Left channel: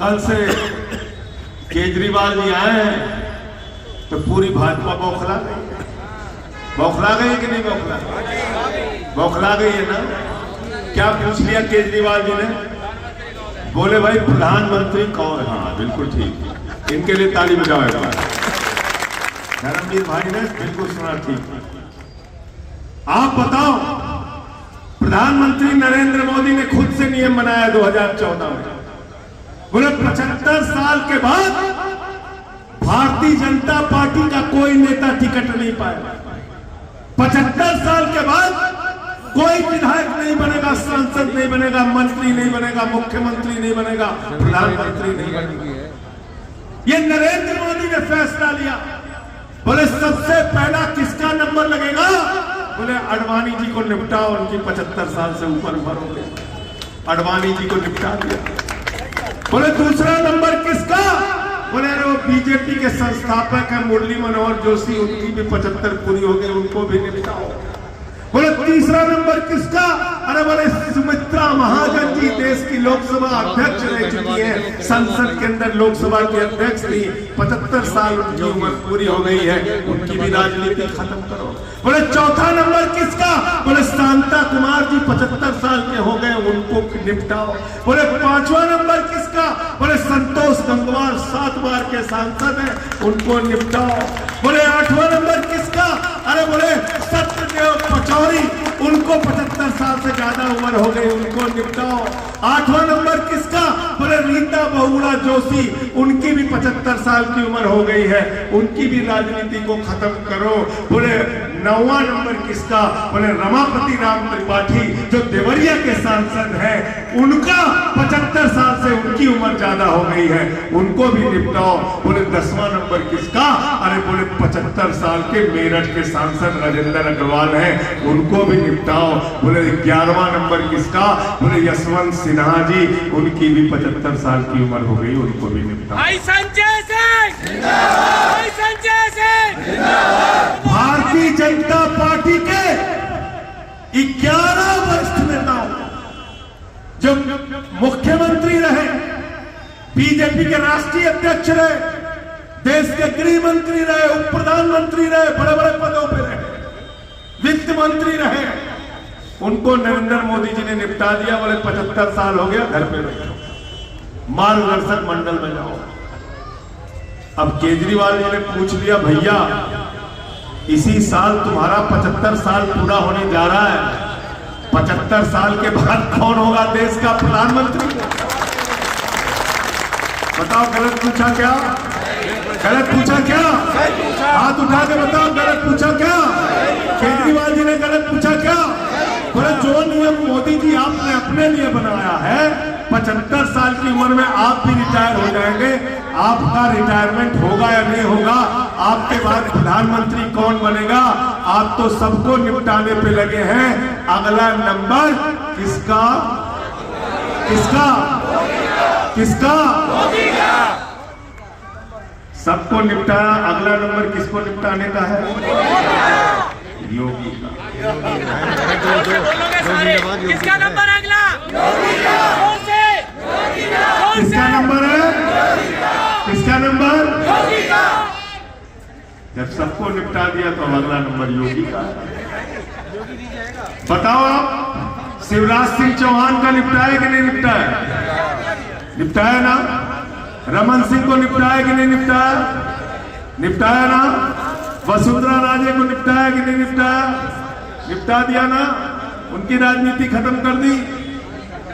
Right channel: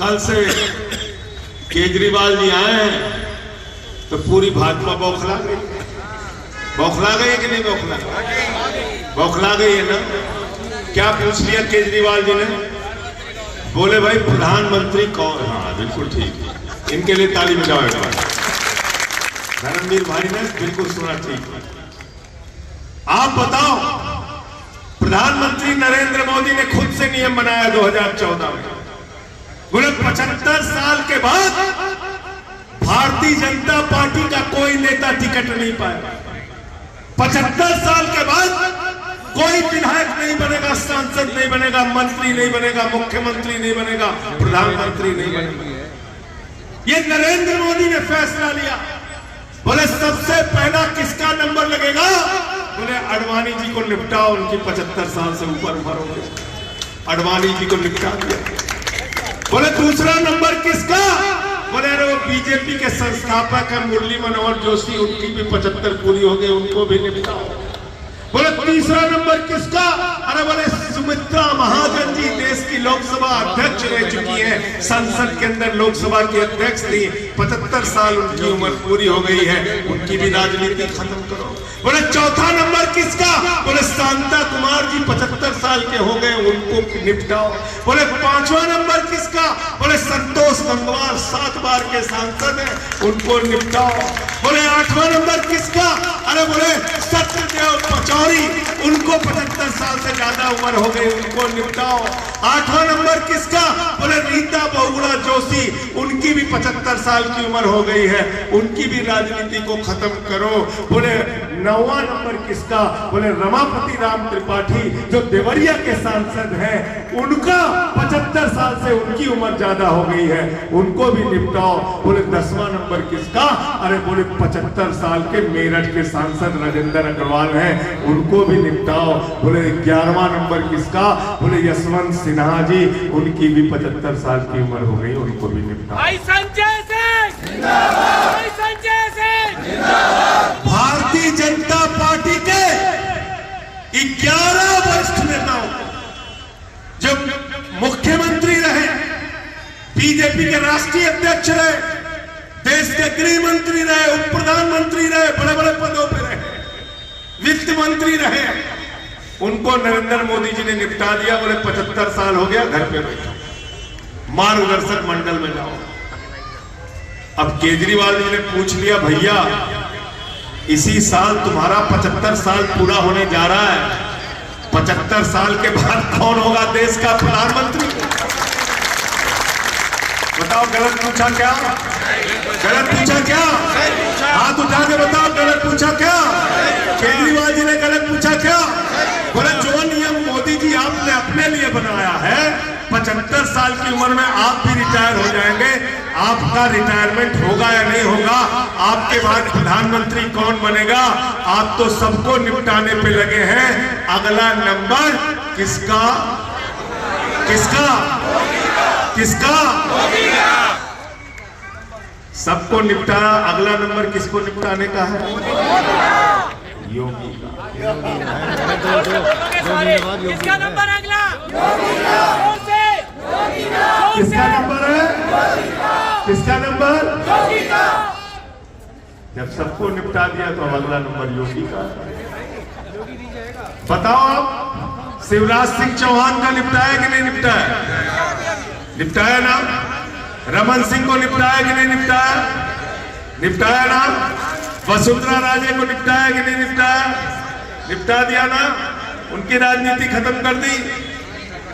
कल से केजरीवाल जी आए हैं तो पूरी भाजपा बौखला गई। बौखला गई कि नहीं बौखला? बौखला गई है ना। क्या पूछ लिया केजरीवाल जी ने? बोले भाई प्रधानमंत्री कौन है? हाँ बिल्कुल ठीक, इनके लिए ताली बजाओ एक बार। धर्मवीर भाई ने बिल्कुल सुना ठीक। आप बताओ, प्रधानमंत्री नरेंद्र मोदी ने खुद से नियम बनाया 2014 में। बोले 75 साल के बाद भारतीय जनता पार्टी का कोई नेता टिकट नहीं पाएगा। 75 साल के बाद कोई विधायक नहीं बनेगा, सांसद नहीं बनेगा, मंत्री नहीं बनेगा, मुख्यमंत्री नहीं बनेगा, प्रधानमंत्री नहीं बनेगा। ये नरेंद्र मोदी ने फैसला लिया। बोले सबसे पहला किसका नंबर लगेगा? बोले अडवाणी जी को निपटाओ, उनकी 75 साल से ऊपर उम्र हो गई। अडवाणी जी को निपटा दिया। बोले दूसरा नंबर किसका? बोले वो बीजेपी के संस्थापक है मुरली मनोहर जोशी, उनकी भी 75 पूरी हो गई, उनको भी निपटाओ। बोले तीसरा नंबर किसका? अरे बोले सुमित्रा महाजन जी देश की लोकसभा अध्यक्ष रह चुकी है, संसद के अंदर लोकसभा की अध्यक्ष थी, 75 साल उनकी उम्र पूरी हो गई है, उनकी भी राजनीति खत्म करो। बोले चौथा नंबर किसका? बोले शांता कुमार जी 75 साल के हो गए, उनको निपटाओ। बोले पांचवा नंबर किसका? बोले संतोष गंगवार 7 बार के सांसद हैं, उनको निपटाओ। बोले आठवां नंबर किसका? अरे बोले सत्यदेव पचौरी, उनको 75 साल से ज्यादा उम्र हो गई, उनको निपटाओ। आठवां नंबर किसका? बोले रीता बहुगुणा जोशी, उनकी भी 75 साल की उम्र हो गई है, उनकी भी राजनीति को खत्म करो। बोले नौवां नंबर किसका? बोले रमापति राम त्रिपाठी जो देवरिया के सांसद हैं, उनका 75 साल से उनकी उम्र ज्यादा हो गई है, उनको भी निपटाओ। बोले 10वां नंबर किसका? अरे बोले 75 साल के मेरठ के सांसद राजेंद्र अग्रवाल हैं, उनको भी निपटाओ। बोले 11वां नंबर किसका? बोले यशवंत सिन्हा जी, उनकी भी 75 साल की उम्र हो गई, उनको भी निपटाओ। भारतीय जनता पार्टी के 11 वरिष्ठ नेताओं जो मुख्यमंत्री रहे, बीजेपी के राष्ट्रीय अध्यक्ष रहे, देश के गृह मंत्री रहे, उप प्रधानमंत्री रहे, बड़े बड़े पदों पर रहे, वित्त मंत्री रहे, उनको नरेंद्र मोदी जी ने निपटा दिया। बोले 75 साल हो गया, घर पे बैठो, मार्गदर्शक मंडल में जाओ। अब केजरीवाल जी ने पूछ लिया, भैया इसी साल तुम्हारा 75 साल पूरा होने जा रहा है, 75 साल के बाद कौन होगा देश का प्रधानमंत्री? बताओ, गलत पूछा क्या? गलत पूछा क्या? हाथ उठा के बताओ, गलत पूछा क्या? केजरीवाल जी ने गलत पूछा क्या? बोले जो नियम मोदी जी आपने अपने लिए बनाया है, 75 साल की उम्र में आप भी रिटायर हो जाएंगे, आपका रिटायरमेंट होगा या नहीं होगा, आपके बाद प्रधानमंत्री कौन बनेगा, आप तो सबको निपटाने पे लगे हैं। अगला नंबर किसका? किसका? किसका? सबको निपटा, अगला नंबर किसको निपटाने का है? योगी का। किसका नंबर अगला? किसका नंबर है? किसका नंबर? जब सबको निपटा दिया तो अगला नंबर योगी का। बताओ आप, शिवराज सिंह चौहान का निपटाया कि नहीं निपटाया? निपटाया ना। रमन सिंह को निपटाया कि नहीं निपटाया? निपटाया ना। वसुंधरा राजे को निपटाया कि नहीं निपटाया? निपटा दिया ना, उनकी राजनीति खत्म कर दी।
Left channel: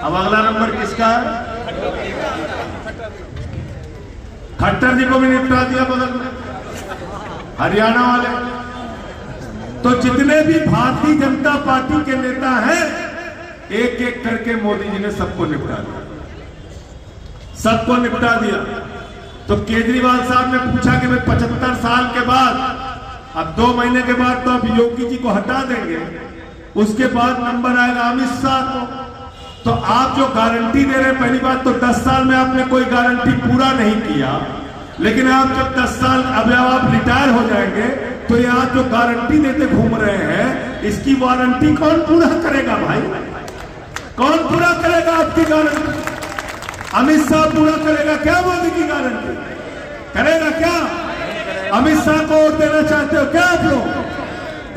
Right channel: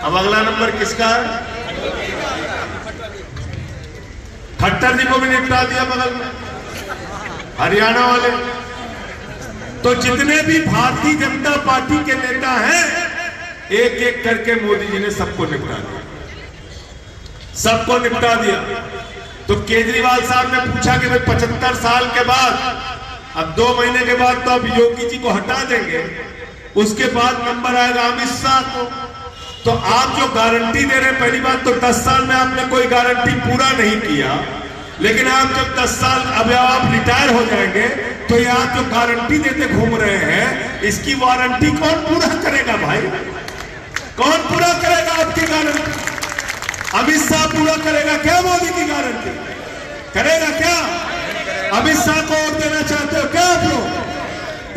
अब अगला नंबर किसका है? खट्टर जी को भी निपटा दिया बगल में, हरियाणा वाले। तो जितने भी भारतीय जनता पार्टी के नेता हैं, एक एक करके मोदी जी ने सबको निपटा दिया, सबको निपटा दिया। तो केजरीवाल साहब ने पूछा कि भाई 75 साल के बाद, अब 2 महीने के बाद तो अब योगी जी को हटा देंगे, उसके बाद नंबर आएगा अमित शाह को। तो आप जो गारंटी दे रहे हैं, पहली बात तो 10 साल में आपने कोई गारंटी पूरा नहीं किया, लेकिन आप जब 10 साल अब आप रिटायर हो जाएंगे, तो ये आप जो गारंटी देते घूम रहे हैं, इसकी वारंटी कौन पूरा करेगा भाई? कौन पूरा करेगा आपकी गारंटी? अमित शाह पूरा करेगा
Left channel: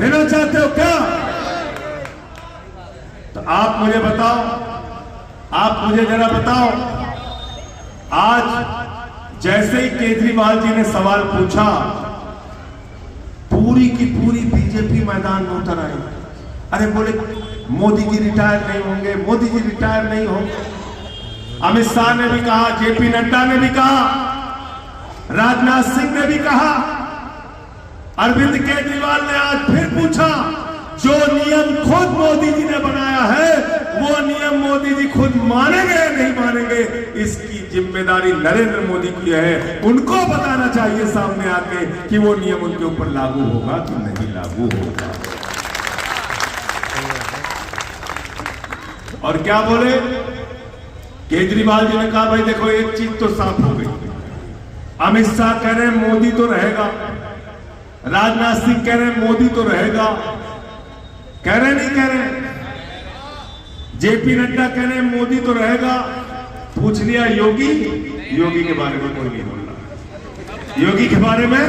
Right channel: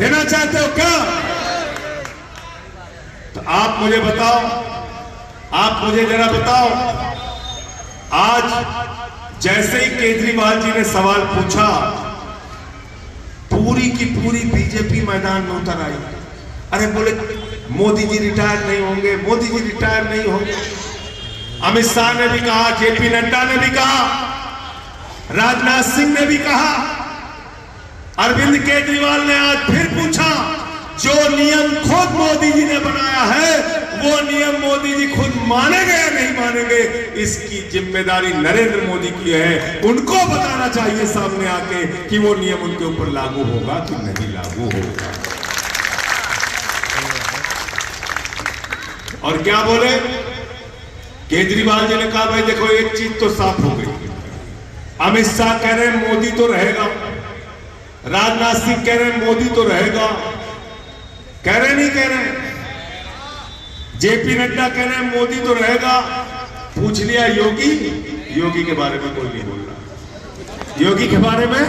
देना चाहते हो क्या? तो आप मुझे बताओ, आप मुझे जरा बताओ। आज जैसे ही केजरीवाल जी ने सवाल पूछा, पूरी की पूरी बीजेपी मैदान में उतर आई। अरे बोले मोदी जी रिटायर नहीं होंगे, मोदी जी रिटायर नहीं होंगे। अमित शाह ने भी कहा, जेपी नड्डा ने भी कहा, राजनाथ सिंह ने भी कहा। अरविंद केजरीवाल ने आज फिर पूछा, जो नियम खुद मोदी जी ने बनाया है वो नियम मोदी जी खुद मानेंगे या नहीं मानेंगे, इसकी जिम्मेदारी नरेंद्र मोदी की है। उनको बताना चाहिए सामने आके कि वो नियम उनके ऊपर लागू होगा कि नहीं लागू होगा। और क्या बोले केजरीवाल जी ने कहा, भाई देखो एक चीज तो साफ हो गई। अमित शाह कह रहे हैं मोदी तो रहेगा, राजनाथ सिंह कह रहे हैं मोदी तो रहेगा, कह रहे नहीं कह रहे, जेपी नड्डा कह रहे हैं मोदी तो रहेगा। पूछ लिया योगी, योगी के बारे में कोई नहीं बोल रहा। योगी के बारे में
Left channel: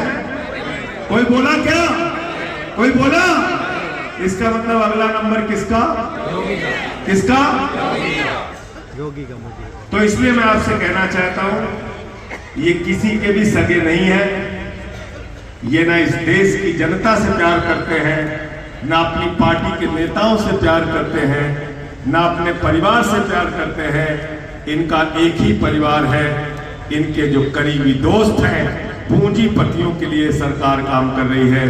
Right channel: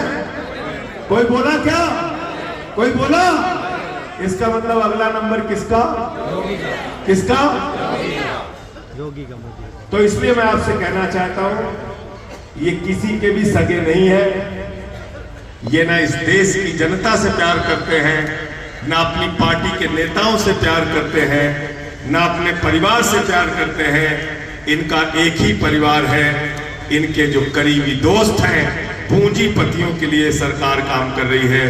कोई बोला क्या? कोई बोला? इसका मतलब अगला नंबर किसका? योगी का। किसका? योगी का मोदी। तो इसलिए मैं आपसे कहना चाहता हूं, ये किसी के भी सगे नहीं है। ये ना इस देश की जनता से प्यार करते हैं, ना अपनी पार्टी के नेताओं से प्यार करते हैं, ना अपने परिवार से प्यार करते हैं। इनका एक ही परिवार है, इनके जो करीबी दोस्त हैं, पूंजीपतियों के लिए सरकार काम कर रही है।